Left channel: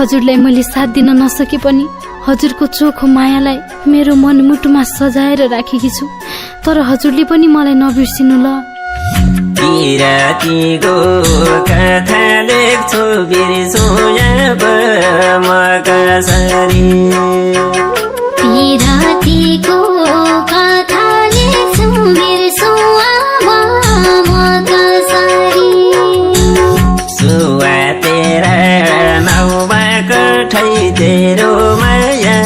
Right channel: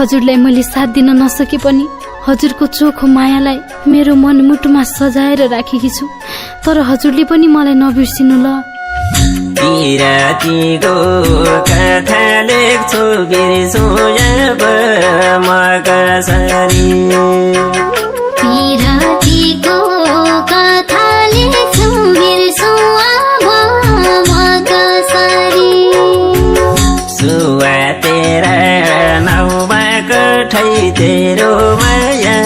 हजुरलाई मैले साथ दिन नसके पनि हजुरको चोखो मायालाई मेरो मनमुटुमा सजाएर राखेकी छु। तर हजुरले पनि मलाई नबिर्सिनु ल। पिरातीको कथा लेख्छु बिर्सु अब म कसरी। पिरातीको कथा लेख्छु बिर्सु अब म कसरी। सुवा तेरा नाउमा कठै तेरो माया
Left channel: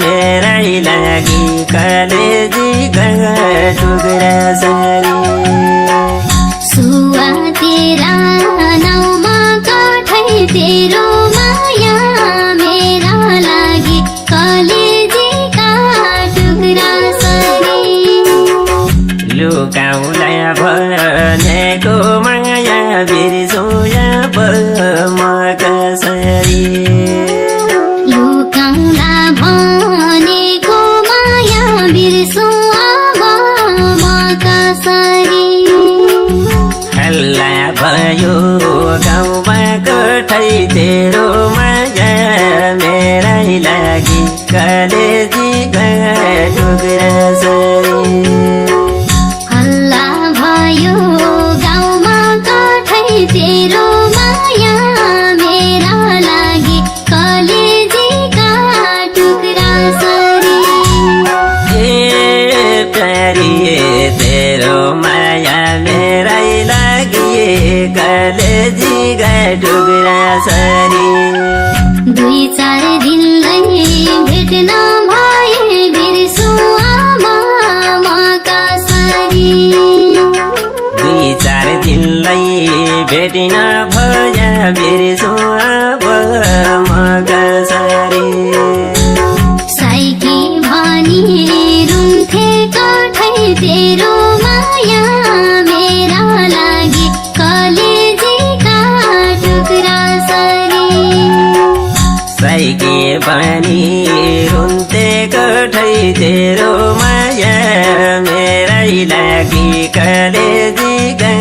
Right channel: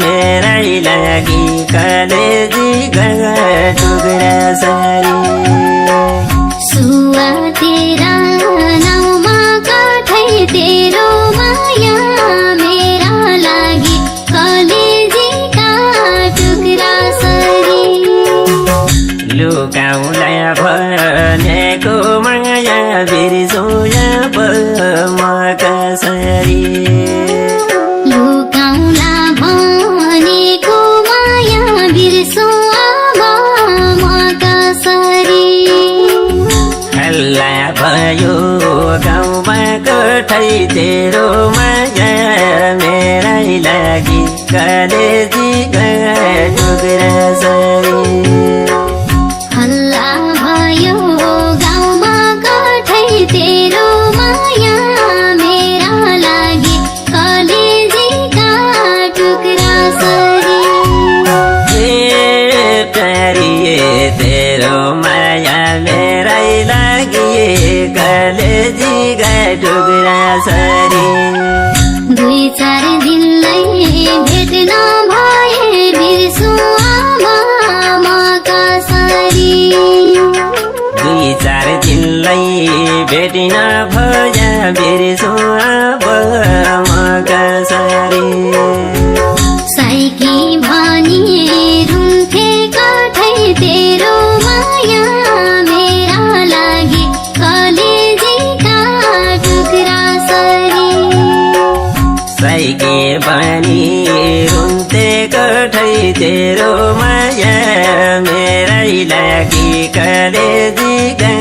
मेरै लागि कलेजीका टुक्रा सरी। सुवा तेरा नाउमा कठै तेरो माया मेरा लागि कलेजीका टुक्रा सरी। लुकाउला भनेको माया बिर्सु अब म कसरी। लुकाउला भनेको माया बिर्सु अब म कसरी। हल्ला भयो गाउँमा कठै तेरो माया मेरै लागि कलेजीका टुक्रा सरी। हल्ला भयो गाउँमा कठै तेरो माया मेरा लागि कलेजीका टुक्रा सरी। प्यारी तेरो माया मेरै लागि कलेजीका टुक्रा सरी। 2-4 दिनलाई भेट नभए बिर्सु अब म कसरी। 2-4 दिनलाई भेट नभए बिर्सु अब म कसरी। साइकी भनी रुन्थे कठै तेरो माया मेरा लागि कलेजीका टुक्रा सरी। साइकी पनि रुन्थे कठै तेरो माया मेरै लागि कलेजीका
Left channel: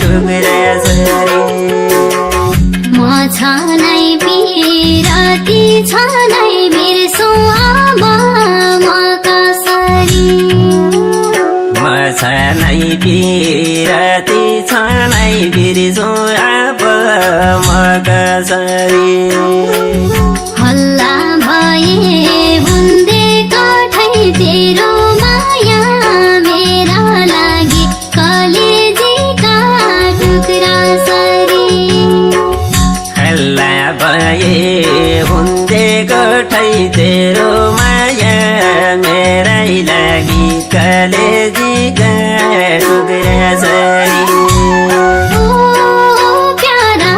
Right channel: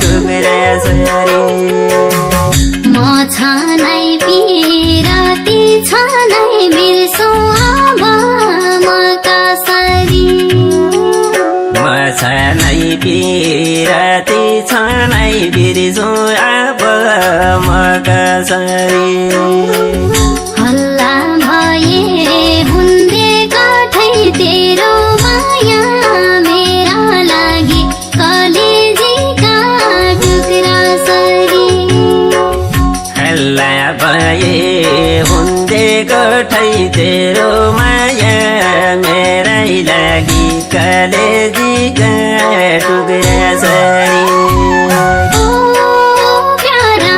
टुक्रा सरी। म छनै पिराती छनै बिर्सु अब म कसरी। म छनै पिराती छनै बिर्सु अब म कसरी। हल्ला भए हुन्थे कठै तेरो माया मेरा लागि कलेजीका टुक्रा सरी। हल्ला भए हुन्थे कठै तेरो माया मेरै लागि कलेजीका टुक्रा सरी। ओ प्यारा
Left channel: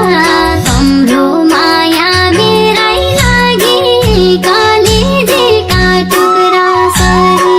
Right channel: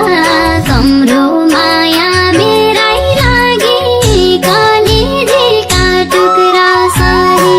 तम्रो माया मेरै लागि कलेजीका टुक्रा सरी।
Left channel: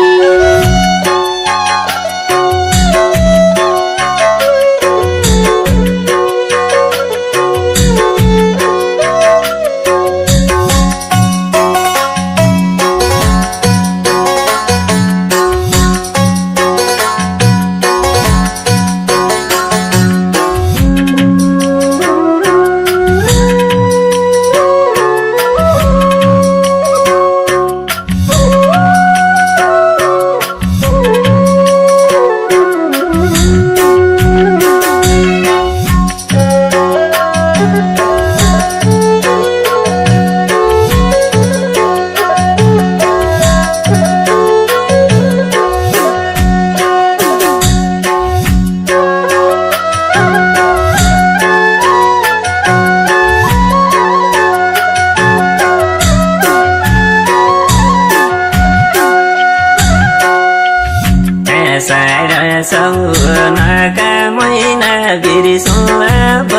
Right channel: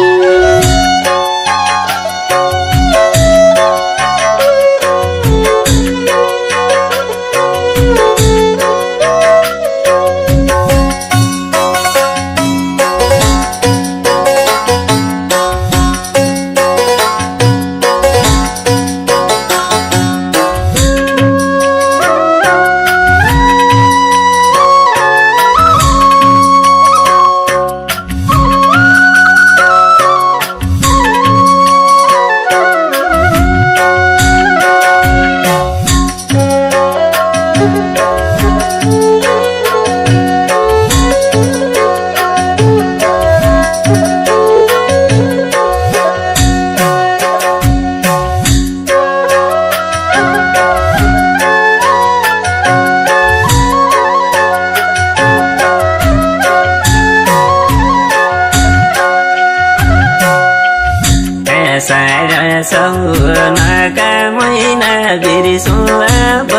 सौनाका महिना बिर्सु अब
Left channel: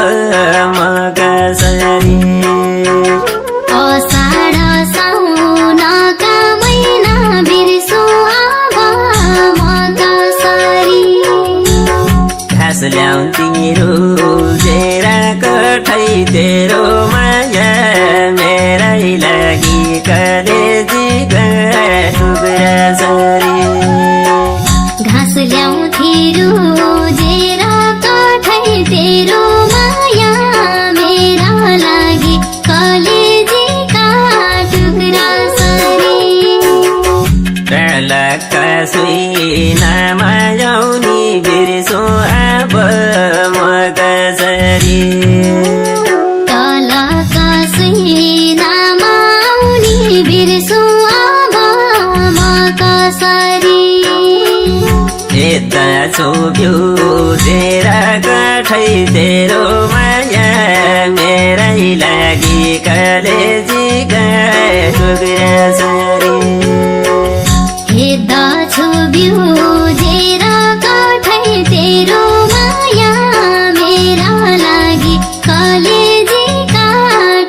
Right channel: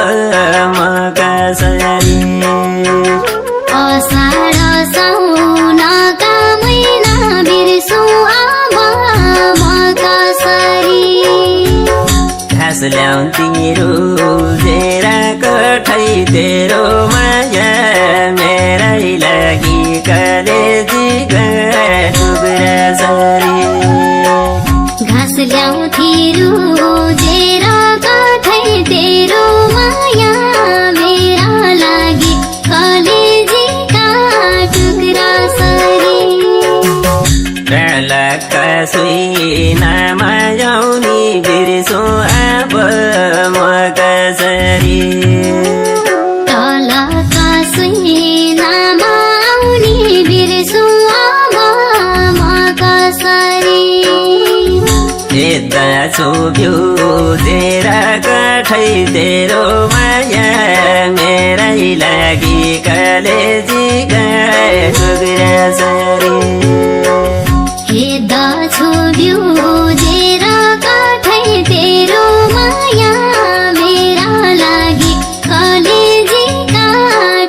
म कसरी। असाढ साउनका महिना बिर्सु अब म कसरी। घाँस ल्याउँथी रोजेर कठै तेरो माया मेरै लागि कलेजीका टुक्रा सरी। घाँस ल्याउँथी रोजेर कठै तेरो माया मेरा लागि कलेजी कालका सुइनामा जाउने बिर्सो अब म कसरी कालका सुइनामा आउने बिर्सु अब म कसरी यता छोप्यो तेरा कठै तेरो माया मेरै लागि कलेजीका टुक्रा सरी हेर्दा छुब्यो जेरा कठै तेरो माया मेरा लागि कलेजीका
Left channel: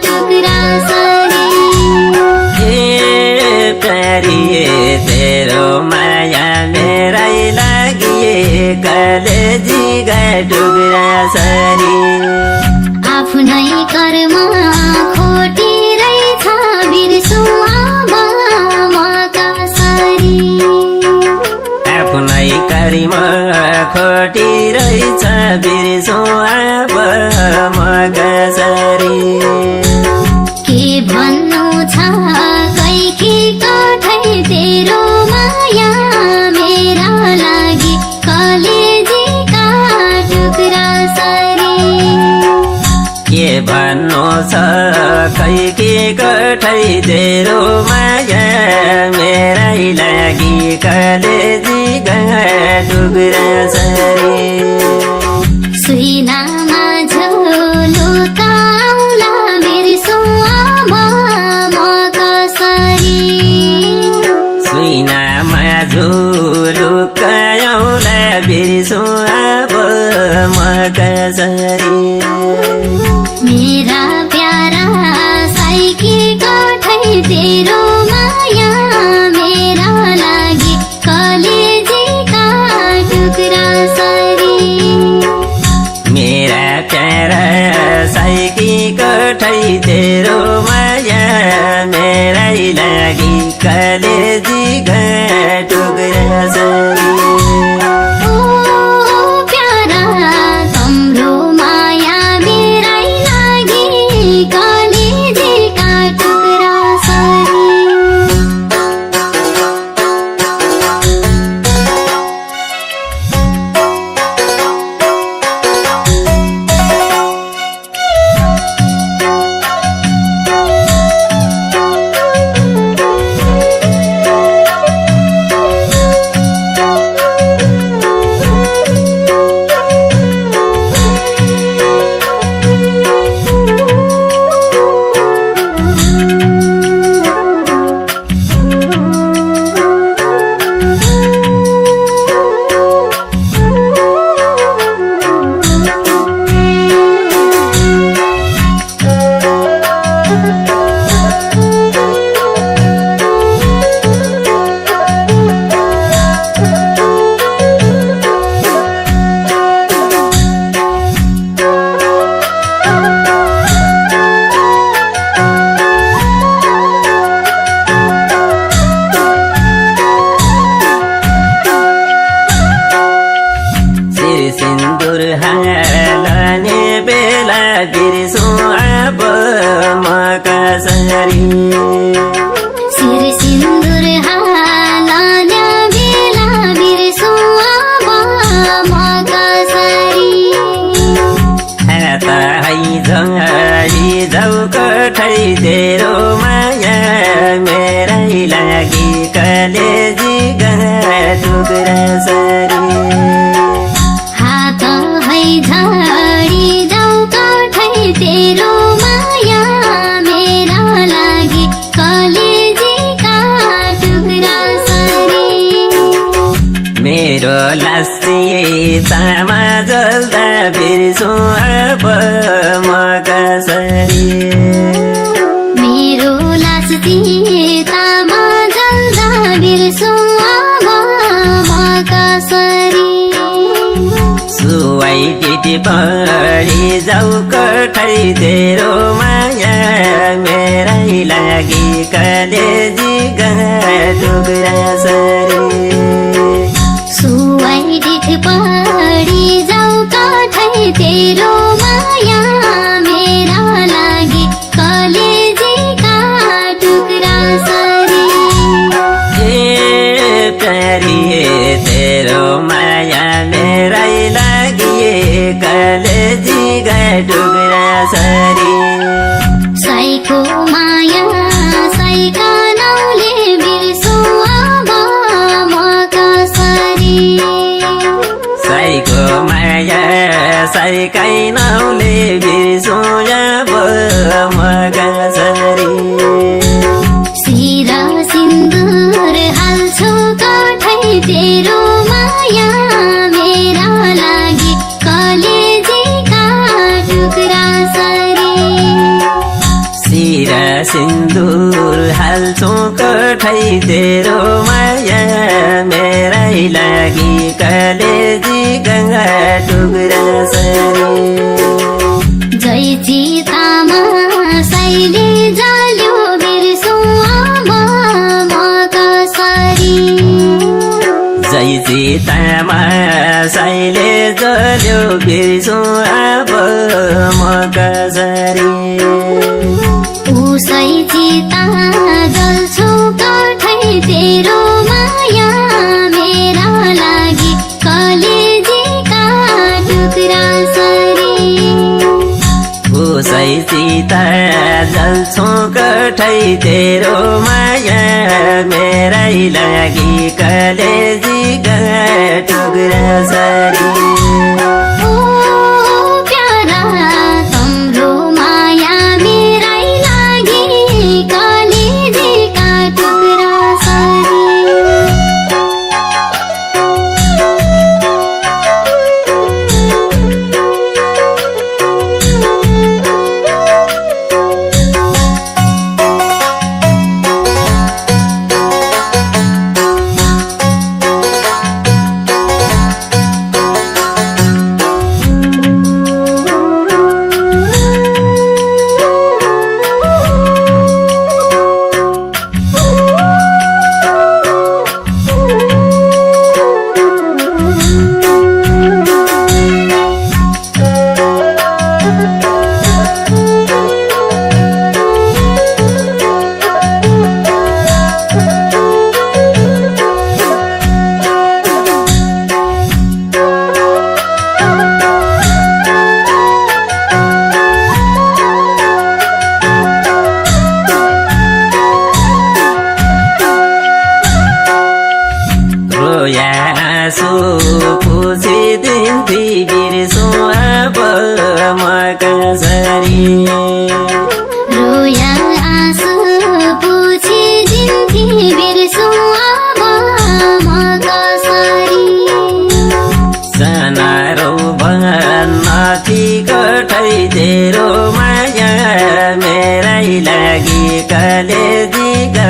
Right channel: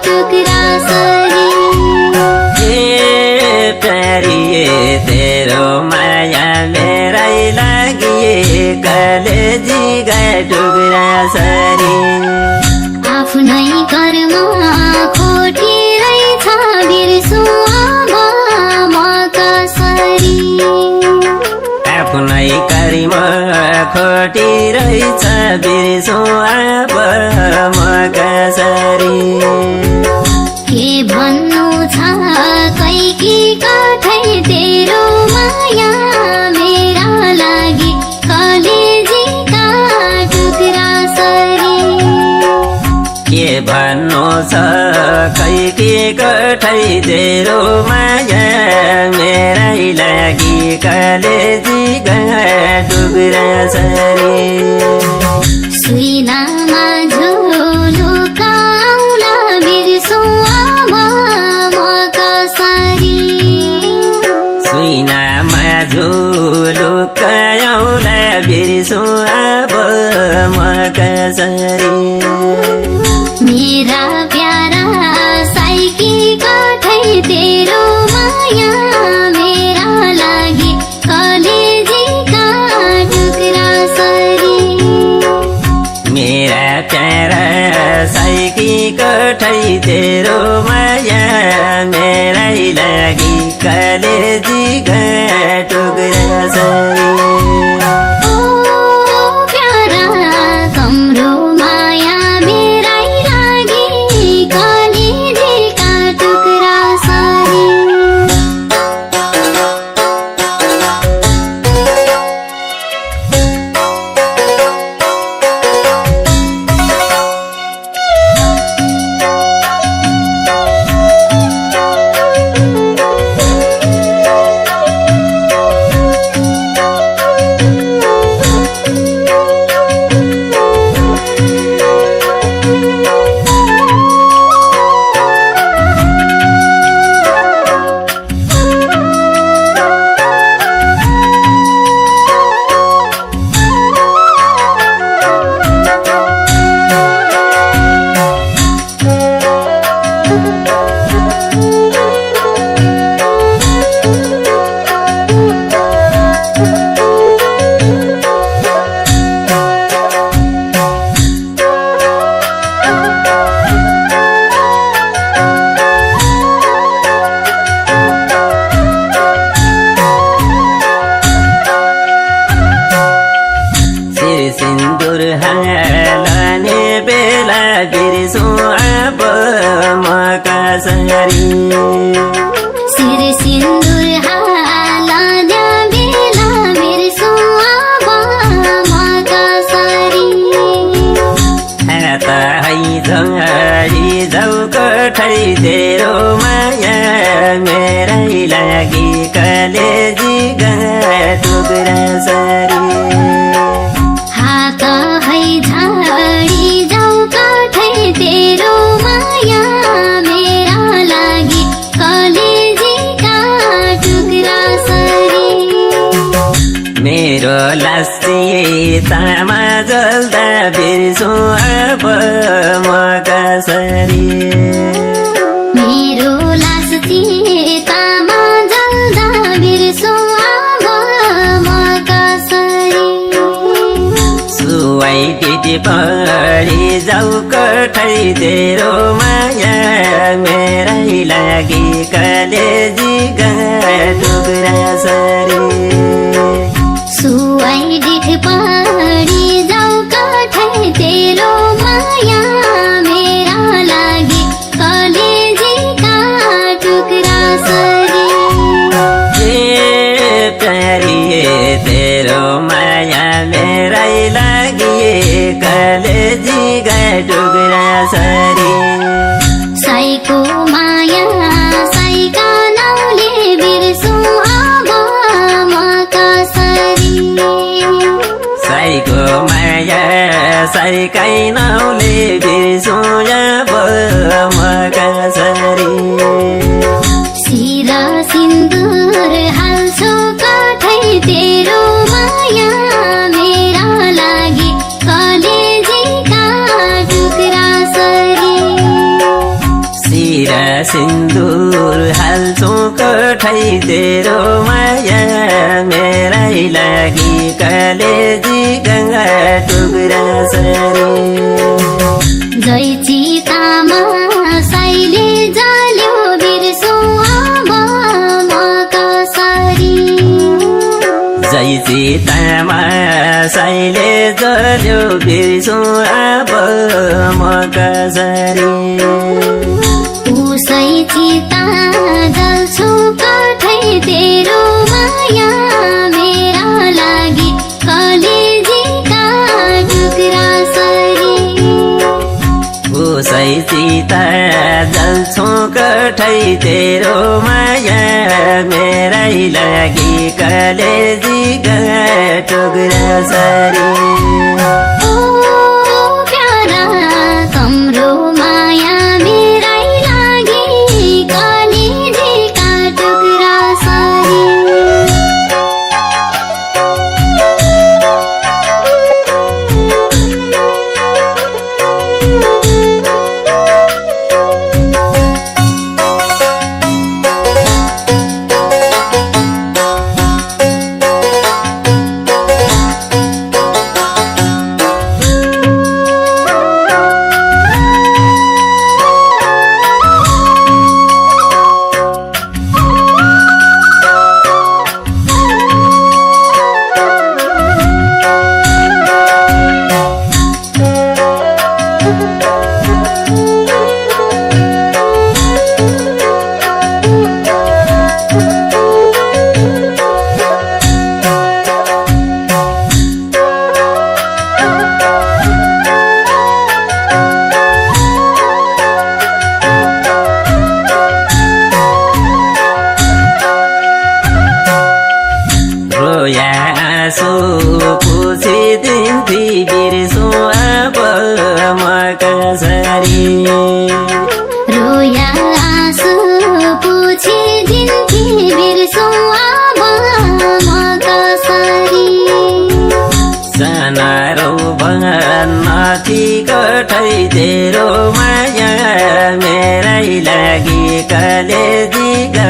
टुक्रा सरी ये प्यारी तेरो माया मेरै लागि कलेजीका टुक्रा सरी आफ्नै कर्ममा खोटी रहेछ बिर्सु अब म कसरी आफ्नै करिमा खोटी रहेछ बिर्सो अब म कसरी के भन्नु छ कैकी कठै तेरो माया मेरा लागि कलेजीका टुक्रा सरी के भन्नु छ खै के कठै तेरो माया मेरै लागि कलेजीका टुक्रा सरी सुइनामा झुलुकाउला बिर्सु अब म कसरी सुइनामा झुलुकाउला बिर्सो अब म कसरी मेरा प्यारा साइकी कठै तेरो माया मेरा लागि कलेजीका टुक्रा सरी मेरा प्यारा साइकी कठै तेरो माया मेरै लागि कलेजीका टुक्रा सरी ओ प्यारा तम्रो माया मेरै लागि कलेजीका टुक्रा सरी सिन्दुर हालने बेला बिर्सो अब म कसरी सिर सिन्दुर हाल्दा बेला बिर्सु अब म कसरी हाता है झङ्गडी जाउ कठै तेरो माया मेरै लागि कलेजीका टुक्रा सरी हात है झाडी जाउ कठै तेरो माया मेरा लागि कलेजीका टुक्रा सरी मेरो लासी तामा जल्दा बिर्सो अब म कसरी मेरो लास तामा जल्दा बिर्सु अब म कसरी सुवाई डिटी पढी जाउ कठै तेरो माया मेरै लागि कलेजीका टुक्रा सरी सुवाई डिठ पढी जाउ कठै तेरो माया मेरा लागि कलेजीका टुक्रा सरी प्यारी तेरो माया मेरै लागि कलेजीका टुक्रा सरी साईको माया साईका नाउँले बिर्सु अब म कसरी साईको माया साईकै नाउँले बिर्सु अब म कसरी सिरा सिन्दुर हाल्छौ कठै तेरो माया मेरा लागि कलेजीका टुक्रा सरी सिरा सिन्दुर हाल्छौ कठै तेरो माया मेरै लागि कलेजीका टुक्रा सरी जय चितामा साईले जल्यो बिर्सु अब म कसरी जय सीतामा साईले जल्यो बिर्सु अब म कसरी उसै चिता जल्छौ कठै तेरो माया मेरा लागि कलेजीका टुक्रा सरी उसै सीता जल्छौ कठै तेरो माया मेरै लागि कलेजीका टुक्रा सरी ओ प्यारा तम्रो माया मेरै लागि कलेजीका टुक्रा सरी रोया आँसु पुछिदिन्थी बिर्सु अब म कसरी रोया आँसु पुछिदिन्थी बिर्सु अब म कसरी साना रौबन्नथी कठै तेरो माया मेरै लागि कलेजीका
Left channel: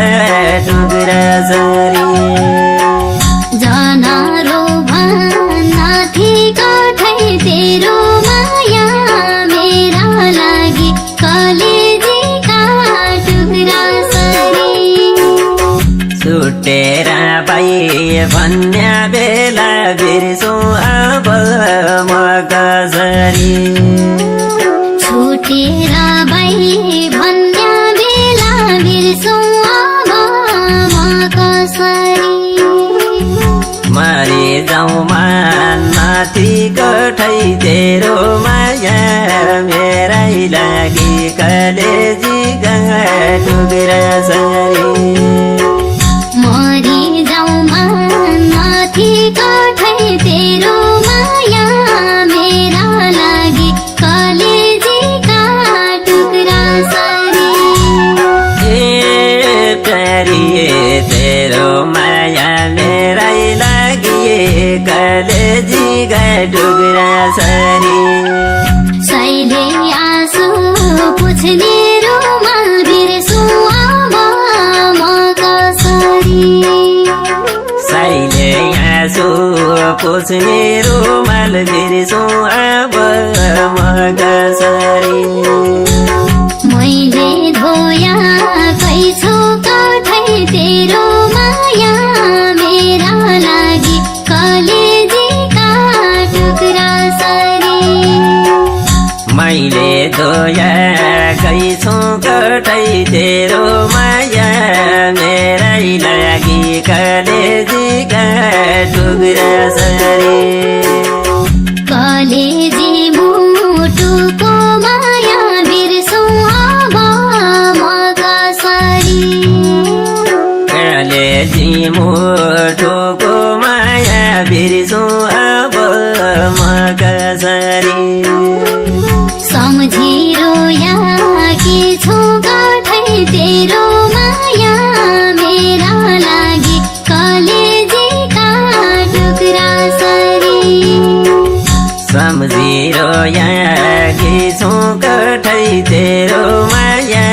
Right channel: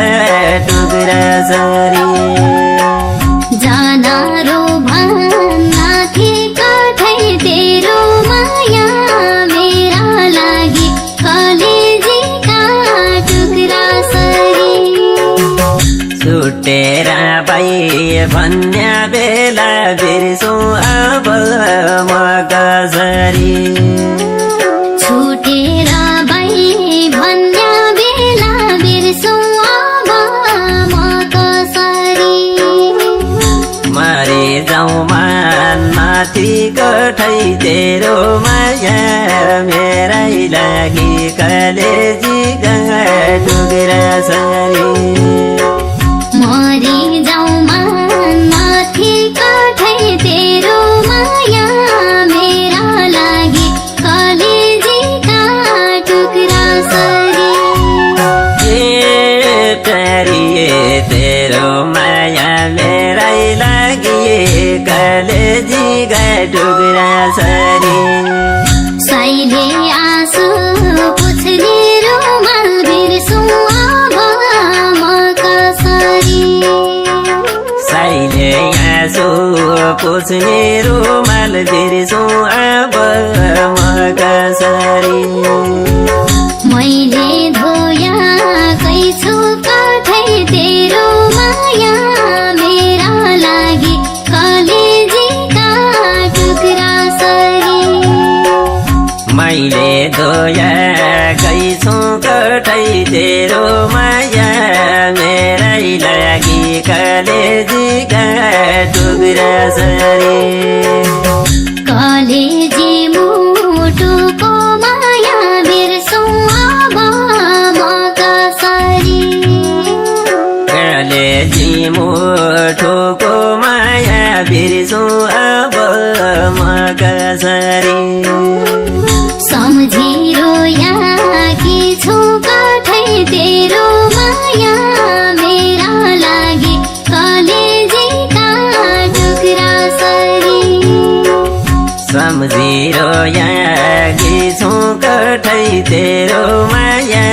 टुक्रा सरी जानारो भन्नाथि कठै तेरो माया मेरा लागि कलेजीका टुक्रा सरी छुटेर पाइ भन्या बेला बिर्सु अब म कसरी छुटेर भई भन्या बेला बिर्सु अब म कसरी मरे जाउँ माथि कठै तेरो माया मेरै लागि कलेजीका टुक्रा सरी मरि जाउँ माथि कठै तेरो माया मेरा लागि कलेजीका टुक्रा सरी प्यारी तेरो माया मेरै लागि कलेजीका टुक्रा सरी साईले आँसु पुछ्ने रुमाल बिर्सु अब म कसरी साईले आँसु पुछ्ने रुमाल बिर्सु अब म कसरी मैले धोया कैछु कठै तेरो माया मेरा लागि कलेजीका टुक्रा सरी मैले धोया कैछु कठै तेरो माया मेरै लागि कलेजीका कलेजी मुठोको माया बिर्सु अब म कसरी सम्झिरो याकी छु कठै तेरो माया मेरा लागि कलेजीका टुक्रा सरी सम्झिरो याकी छु कठै तेरो माया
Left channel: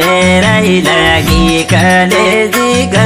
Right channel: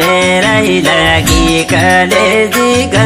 मेरै लागि कलेजीका